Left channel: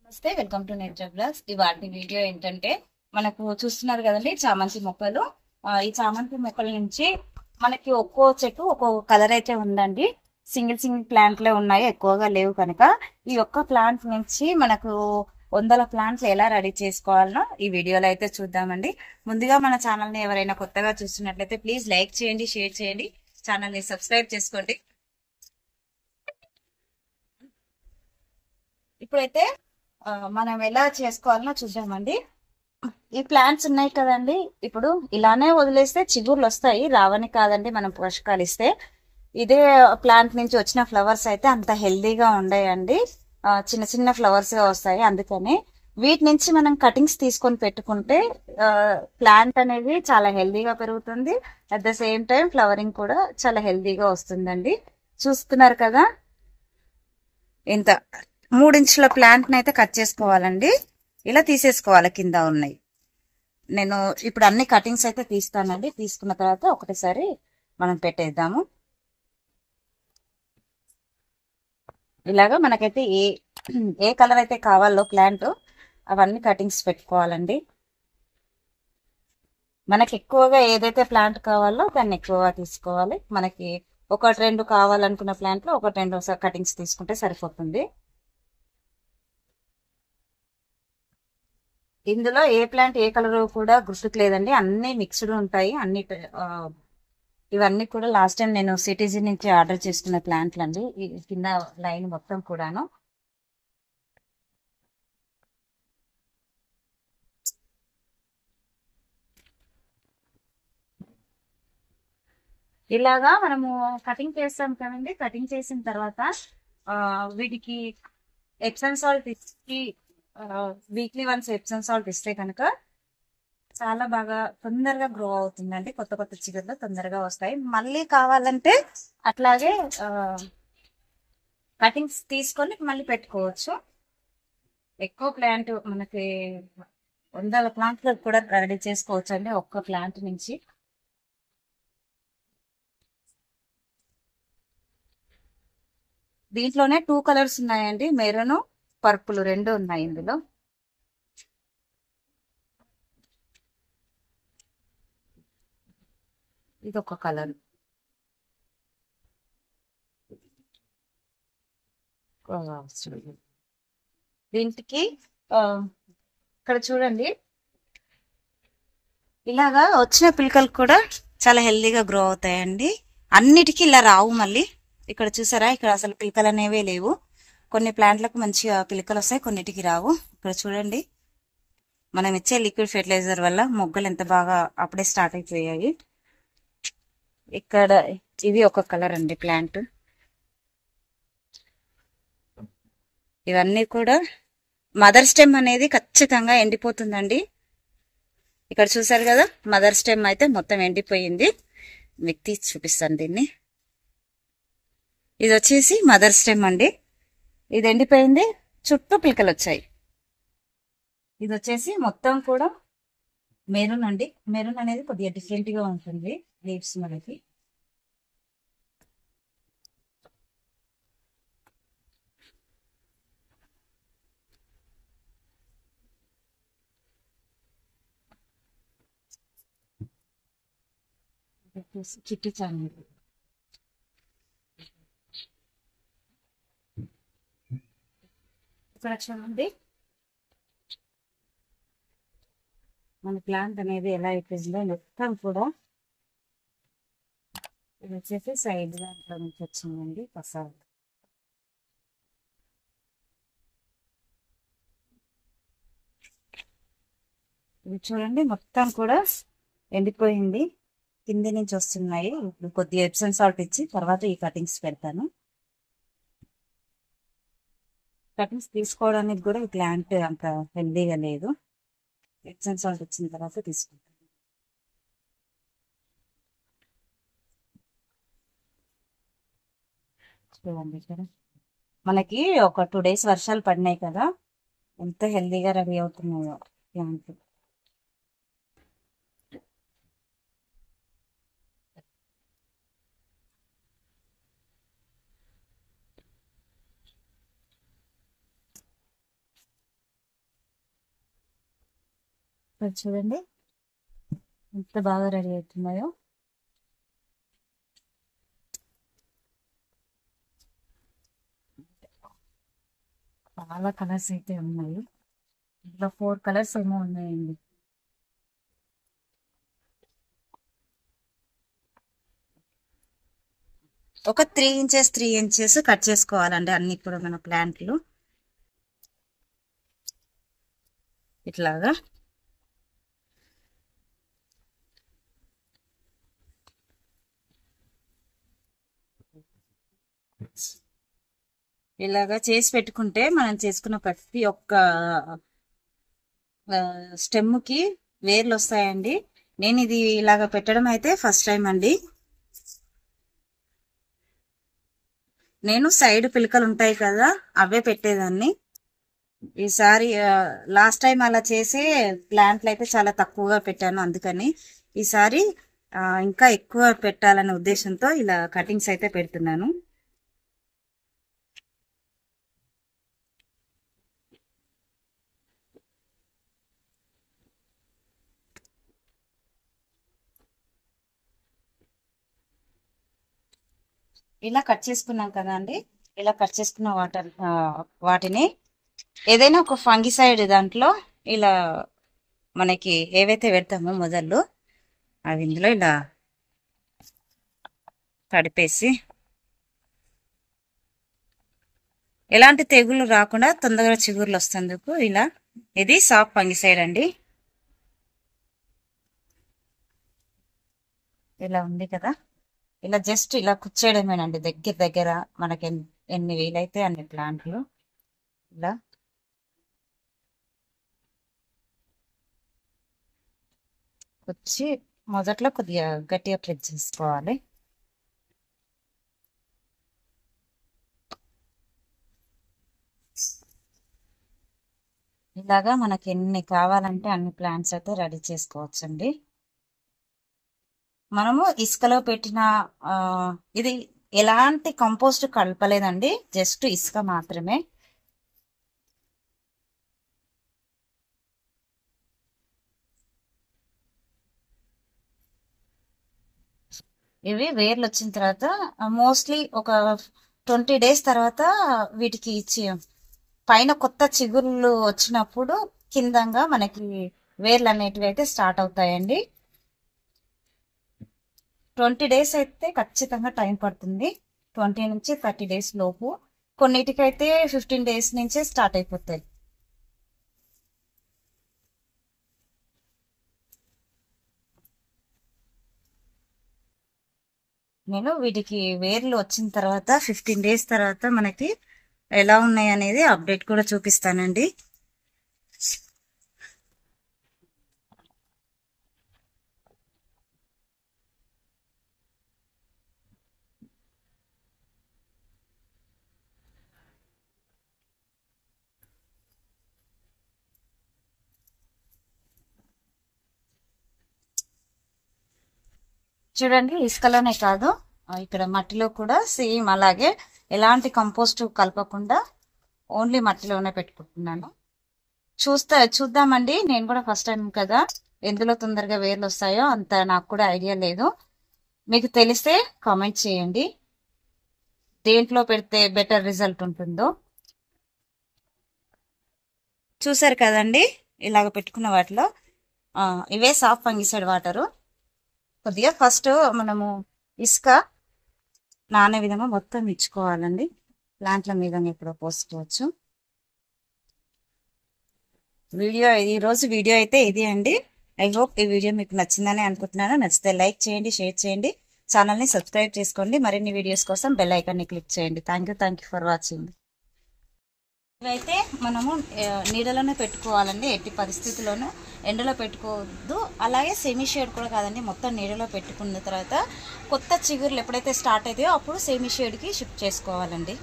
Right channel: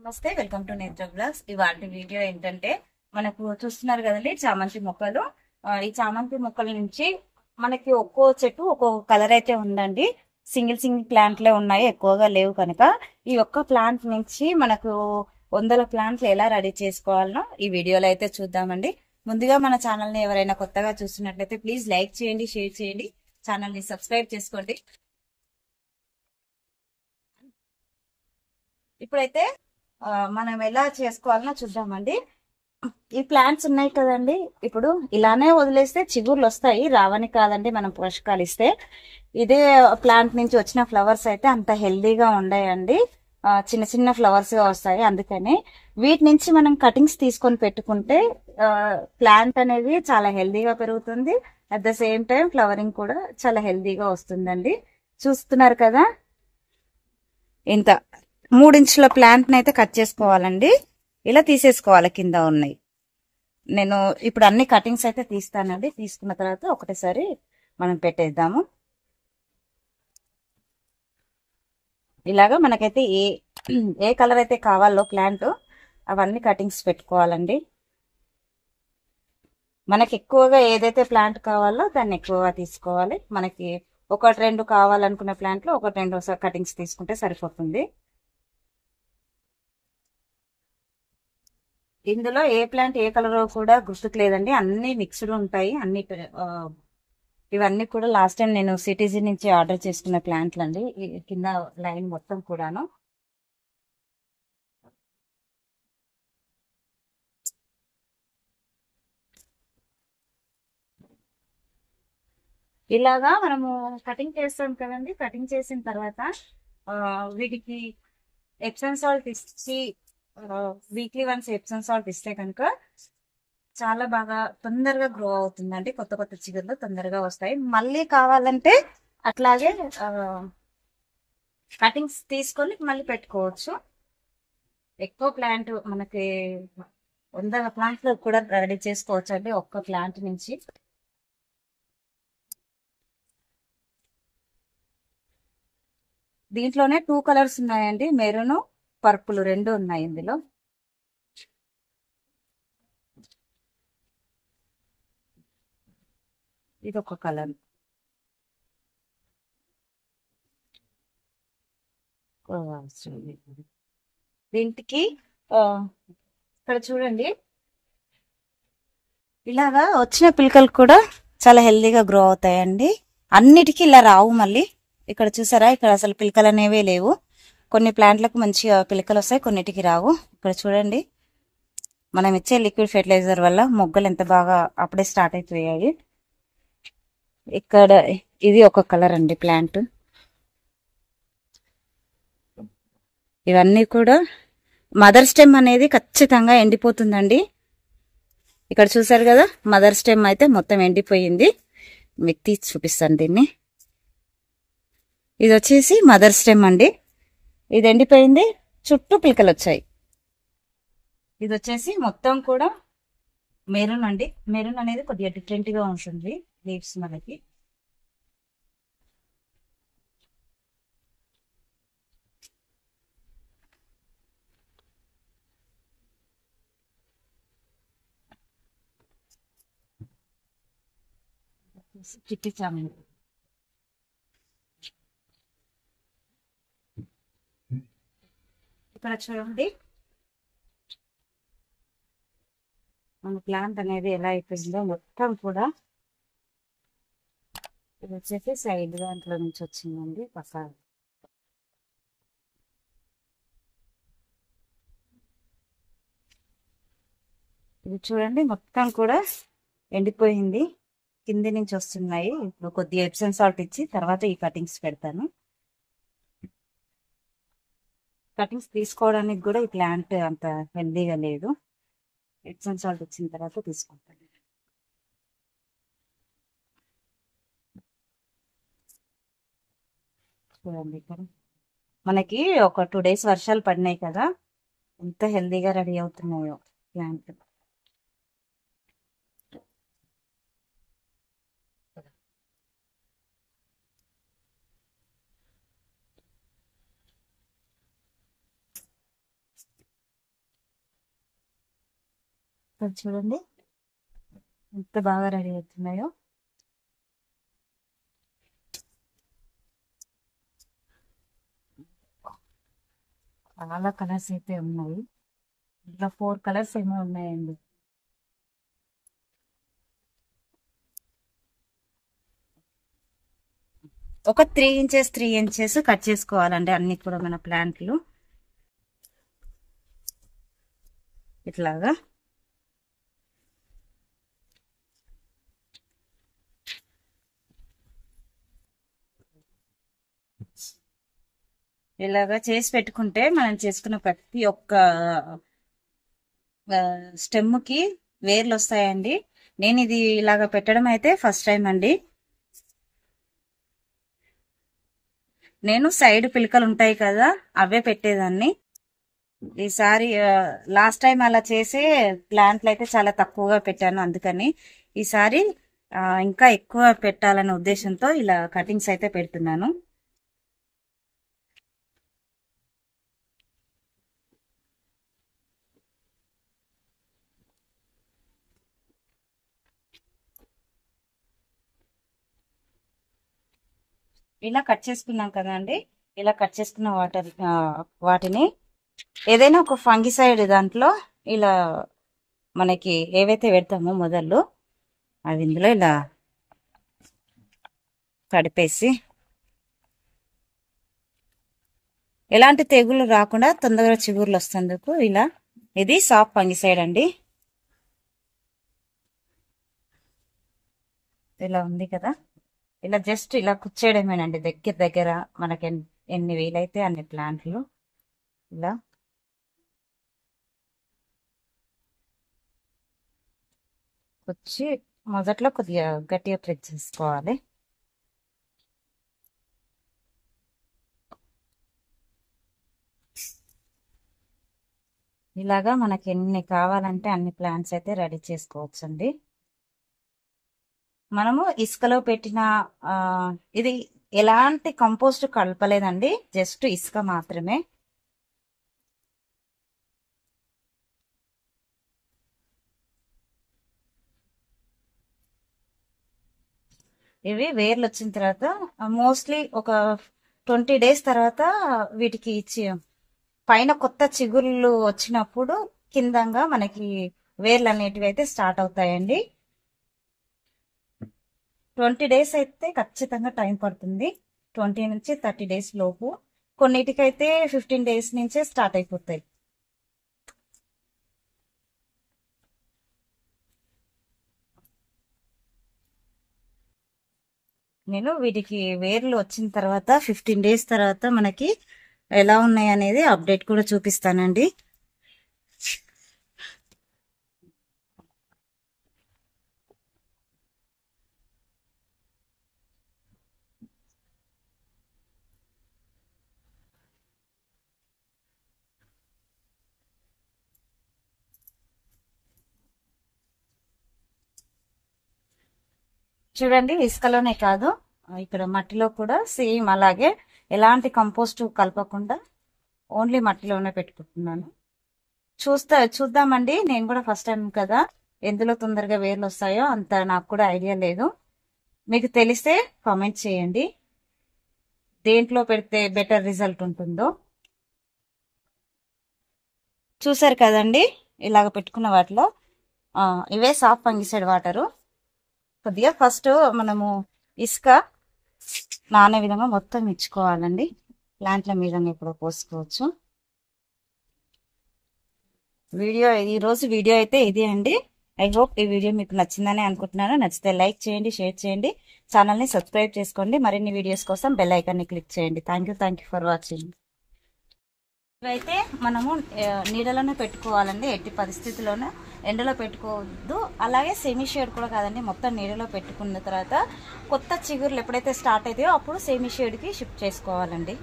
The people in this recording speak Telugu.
నమస్తే, వెల్కమ్ టు నేచర్ బ్లాగ్స్. ఇవాళ వీడియో ఏంటంటే మనకు చూస్తున్నారు కదండి చామంతి మొక్కలు. ఈ చామంతి మొక్కల నుంచి మనకి ఒక్కో చెట్టు ఒక్కో కలర్ అయితే ఉందండి. సింగిల్ సింగిల్ ప్లాంట్లే ఉన్నాయి, ఎక్కువగా లేవు కనుక ఈ ఒక్క ప్లాంట్ నుంచి మనకు వందల ప్లాంట్లు ఎలా రెడీ చేసుకోవాలనో ఈ వీడియోలో అయితే చూద్దామండి. ముందుగా మన ఛానల్ ని ఎవరైనా కొత్తగా చూస్తున్నట్లయితే ప్లీజ్ లైక్ చేయండి, షేర్ చేయండి, ఛానల్ ని సబ్స్క్రైబ్ చేసుకోండి. ఇప్పుడైతే మనం ఎలా చేసుకోవాలనో చూద్దామండి. ఈ ప్లాంట్స్ ఉన్నాయి కదండి, ఇప్పుడు ఇలానే వదిలేస్తే చిగుర్లు వస్తాయి, రావని కాదండి. మనం పోషకాలు ఇస్తే ఇదే ప్లాంట్ నుంచి వచ్చిన ఫ్లవర్స్ అయితే అంత హెల్దీగా ఉండయండి, చిన్న చిన్న ఫ్లవర్స్ గా వస్తాయి. అందుకని వీటి నుంచి మనం కటింగ్స్ తీసుకొని పెట్టుకుంటే ప్లాంట్ అనేది చాలా హెల్దీగా పెరుగుతుంది. At the same time flowering కూడా చాలా హెల్దీగా వస్తుందండి. చూస్తున్నారు కదా, ఇంత 3 ఇంచుల ప్లాంట్ అయితే కట్ చేసుకోవాలండి. ఇలా తీసేసుకోవాలి, కింద ఉన్నాయి. నేను ఇప్పుడు అన్ని కటింగ్స్ అయితే తీస్తానండి. తీసుకున్న తర్వాత ఒకటేసారి మనం పెట్టేద్దాము. ఇలాగా మనకైతే ఏ కలర్ అయితే కావాలో ప్లాంట్ అవన్నీ కటింగ్స్ పెట్టుకోవాలండి. మనకి ఎక్కువగా ఏదైతే ప్లాంట్ కావాలో దాన్ని ఎక్కువగా తీసుకోవాలి. మనకి 1-2 కావాలనుకున్న ప్లాంట్లో 1-2 కటింగ్స్ తీసుకుంటే సరిపోతుంది. ఇందులో ఏ ప్లాంట్ ఏ కలర్ కూడా గుర్తుకు లేదండి, అన్ని మిక్స్డ్ ఉంటాయి. ఇవన్నీ కూడా లాస్ట్ టైం నేను సిటీజీ నుంచి ఆర్డర్ చేసుకున్న ప్లాంట్లు అండి. కింద లైన్ మొత్తం కూడాను. ఇలాగా మనము కటింగ్ చేస్తాం కదండి. కటింగ్ చేసిన తర్వాత వీటికి ఎప్సమ్ సాల్ట్ ఇచ్చి వీక్లీ వన్స్ ఎప్సమ్ సాల్ట్ ఇస్తే కనుక చాలా బాగా తొందరగా గ్రో అవుతుందండి. కొత్త కొత్త చిగుర్లు తొందరగా వస్తాయి. మళ్ళీ కావాలంటే అట్లాగే కటింగ్స్ తీసుకొని మళ్ళీ పెట్టుకోవచ్చు. ఎక్కువ ప్లాంట్ మనకి 100 ప్లాంట్లు కూడా రెడీ చేసుకోవచ్చు అండి ఒక్క ప్లాంట్ నుంచి. దీంట్లోనే 2 కలర్స్ ఉన్నాయండి, మెరూన్ పర్పుల్ 2 ఉన్నాయి ఇందులో. ఇది ఒక కలర్. దీనికి ఇక్కడ చూడండి, ఇలాగా వచ్చిన పిలకలు కూడా చాలా హెల్దీగా గ్రో అవుతాయండి. అన్నిటికీ ఇలా రావు. మళ్ళీ ఇక్కడ చూసారా, ఇక్కడ అసలు పిలకలు అనేవే లేవు. కొన్ని ప్లాంట్లకు మంచిగా పిలకలు వస్తాయి, కొన్నిటికి రావు. ఇక్కడ చూడండి, మనం ఇచ్చే లిక్విడ్ ఫెర్టిలైజర్ వల్ల మొగ్గలు ఎంత బాగా అప్పుడే స్టార్ట్ అయిపోయాయి. ఇక్కడ ఇది ఒక కలర్ అండి ప్లాంట్. ఇవన్నీ కూడా మదర్ స్టెమ్ అనేది ఖచ్చితంగా ఎండిపోతుందండి. ఇక్కడ చూసారు కదా, మదర్ స్టెమ్ అయితే మొత్తం ఎండిపోయింది. మీకు తీసి చూపిస్తాను దీన్ని. ఇది వచ్చేసి మదర్ స్టెమ్ అండి, ఇది ఎండిపోయింది, చుట్టూ పిలకలు వచ్చాయి. ఇది వచ్చేసి మొత్తం కూడా మెరూన్ అండి. మెరూన్ అనేది కొద్దిగా డిఫరెంట్ గా ఉంటుంది లీవ్స్ మనకి. చిట్టి చామంతి. ఇక్కడ చూడండి, మన ప్లాంట్ అనేది ఎలా అయిపోయిందో మొత్తం కూడా. ఇది వచ్చేసి సైడ్ దాంట్లో నుంచి వచ్చిందండి పసారు. ఇది చూడండి, మొత్తం కూడా ఎండిపోయింది, కింది నుంచి వస్తున్నాయి. ఇప్పుడు కొద్దిగా ఎప్సమ్ సాల్ట్ ఇచ్చి తర్వాత ఈ కటింగ్స్ పెడతాను. కటింగ్స్ తీసుకోవడానికి కూడా ఈ ప్లాంట్ అంత హెల్దీగా లేదు. ఎప్సమ్ సాల్ట్ వచ్చిన తర్వాత తీసుకుంటాను. చూడండి, ఇక్కడ మనకి ఒక 2 days వర్షాలు పడినాయి కదా, ఎంత హెల్దీగా రెడీ అవుతున్నాయో ప్లాంట్. ఇక్కడ చూడండి ఎంత బాగా రెడీ అవుతున్నాయో. చాలా కలర్స్ అయితే ఉన్నాయి. ఇట్లా 4 కలర్స్ ఏమో ఉన్నాయండి. ఒక 3 ఇంచెస్ 3 ఇంచెస్ కట్ చేసుకోవాలండి అన్ని కూడా మన ప్లాంట్లు ఇట్లాగా. ఇలాగా చేసి పెట్టుకుంటే మనం చేసుకున్న ప్రతి ఒక్క స్టెమ్కి వేర్లు వస్తాయండి. నేను ఇది ఇలాగ పెట్టడం అయితే ఫస్ట్ టైం అండి. నేను సైడ్ పిలకలు ఉంటాయి కదా అవే పెట్టేదాన్ని. ఈసారి లాస్ట్ టైం అలా చేసే ప్లాంట్లు అయితే చాలా తక్కువగా పెట్టాను. అందుకని ఈసారి ఇంకా ఎక్కువ పెట్టాలనే ఉద్దేశంతో ఇలా కటింగ్స్ అయితే పెడుతున్నాను. ఇలా కట్ చేసుకున్నాం కదా అండి. ఇలా కట్ చేసుకున్న వాటిని ఏదైనా ఒక ఫంగిసైడ్ దాంట్లో ఇలా మనకి ఏవైతే పెడతామో మొదళ్ళు అవి ఇందులో ఇలా కడిపేసి ఎలాంటి తెగులు రాకుండా తొందరగా చిగుర్లు వస్తేందుకు ఇలా. ఇది సాఫ్ట్ ఫంగిసైడ్ అండి. ఇలా ఉంది కదా, ఇలా జస్ట్ ఇలా కుచ్చేయడమేనండి. దగ్గర దగ్గర మనకి ఎన్ని వీలైతే అన్ని ప్లాంట్లు ఇలా కుచ్చి మొదట్లో కొద్దిగా గట్టిగా ప్రెస్ చేసుకోవాలి. ఇలాగా మనకి ఎన్ని కావాలంటే అన్ని ప్లాంట్స్ అయితే రెడీ చేసుకోవచ్చండి. మనము ఇసుకలో పెట్టిన ఇది ఎలాంటి కంపోస్ట్ కలపలేదండి, జస్ట్ ఇసుక మాత్రమే. ఇవి వేర్లు వచ్చిన తర్వాత మోస్ట్లీ ఒక 20 days తర్వాత వీటికి ఇచ్చి పైన కొత్త చిగుళ్ళు వచ్చినప్పుడు కిందంగా మనకి వేర్లు అనేటివి అయితే స్టార్ట్ అవుతాయండి. 20 days అయితే ఖచ్చితంగా టైం పడుతుంది. 20 నుంచి 30 days లోపు. కొన్నిటికైతే 15 days నుంచే స్టార్ట్ అయిపోతాయి. నేను వీటికి వేర్లు వచ్చిన తర్వాత 15 days తర్వాత మనకి ఎలా ఉన్నాయి అనేది అప్డేట్ కూడా చూపిస్తానండి. చూడండి, ఇసుకలోనే కాదు ఇక్కడ మట్టిలో కూడా సేమ్ అలాగే ఎలాంటి కంపోస్ట్ కలపకుండా ఓన్లీ మట్టిలోనే పెట్టుకుంటున్నాను. చూద్దామండి. నేను కూడా ఫస్ట్ టైం కదా, ఎందులో తొందరగా వేర్లు వస్తాయో అంత నాకు కూడా ఐడియా లేదు. మీకు తెలిస్తే కామెంట్ చేయండి దేంట్లో పెడితే బెటర్ రిజల్ట్ ఉంటుందో. చూసారు కదండి, ఇలాగ పెట్టుకున్న వాటిలో ఇవే సాఫ్ట్ ఫంగిసైడ్ వాటరు. కొద్దిగా ఫస్ట్ మనము ఇసుక నానే విధంగా మొత్తం ఇచ్చుకోవాలండి. ప్లాంట్ల మీద ఇప్పుడు పోసుకోవచ్చు. ఈరోజు వీడియో అయితే ఇది అండి. ఐ హోప్ ఈ వీడియో మీకు నచ్చిందని అనుకుంటున్నాను. నచ్చితే లైక్ చేయండి, షేర్ చేయండి, ఛానల్ని సబ్స్క్రైబ్ చేసుకోండి. మరిన్ని వీడియోస్ కోసం బెల్ ఐకాన్ని క్లిక్ చేయండి. Thank you for watching. ఇవైతే మనము నీడలోనే పెట్టుకోవాలండి. ఎట్టి పరిస్థితుల్లోనూ ఎండలో పెట్టుకోవద్దు. అలాగే సెమీ షేడ్ కూడా కాదండి, మొత్తం నీడలో పెట్టుకున్న తర్వాత కొత్త చిగుర్లు ఎప్పుడైతే స్టార్ట్ అవుతాయో అప్పుడు సెమీ షేడ్కి షిఫ్ట్ చేసుకోవాలండి.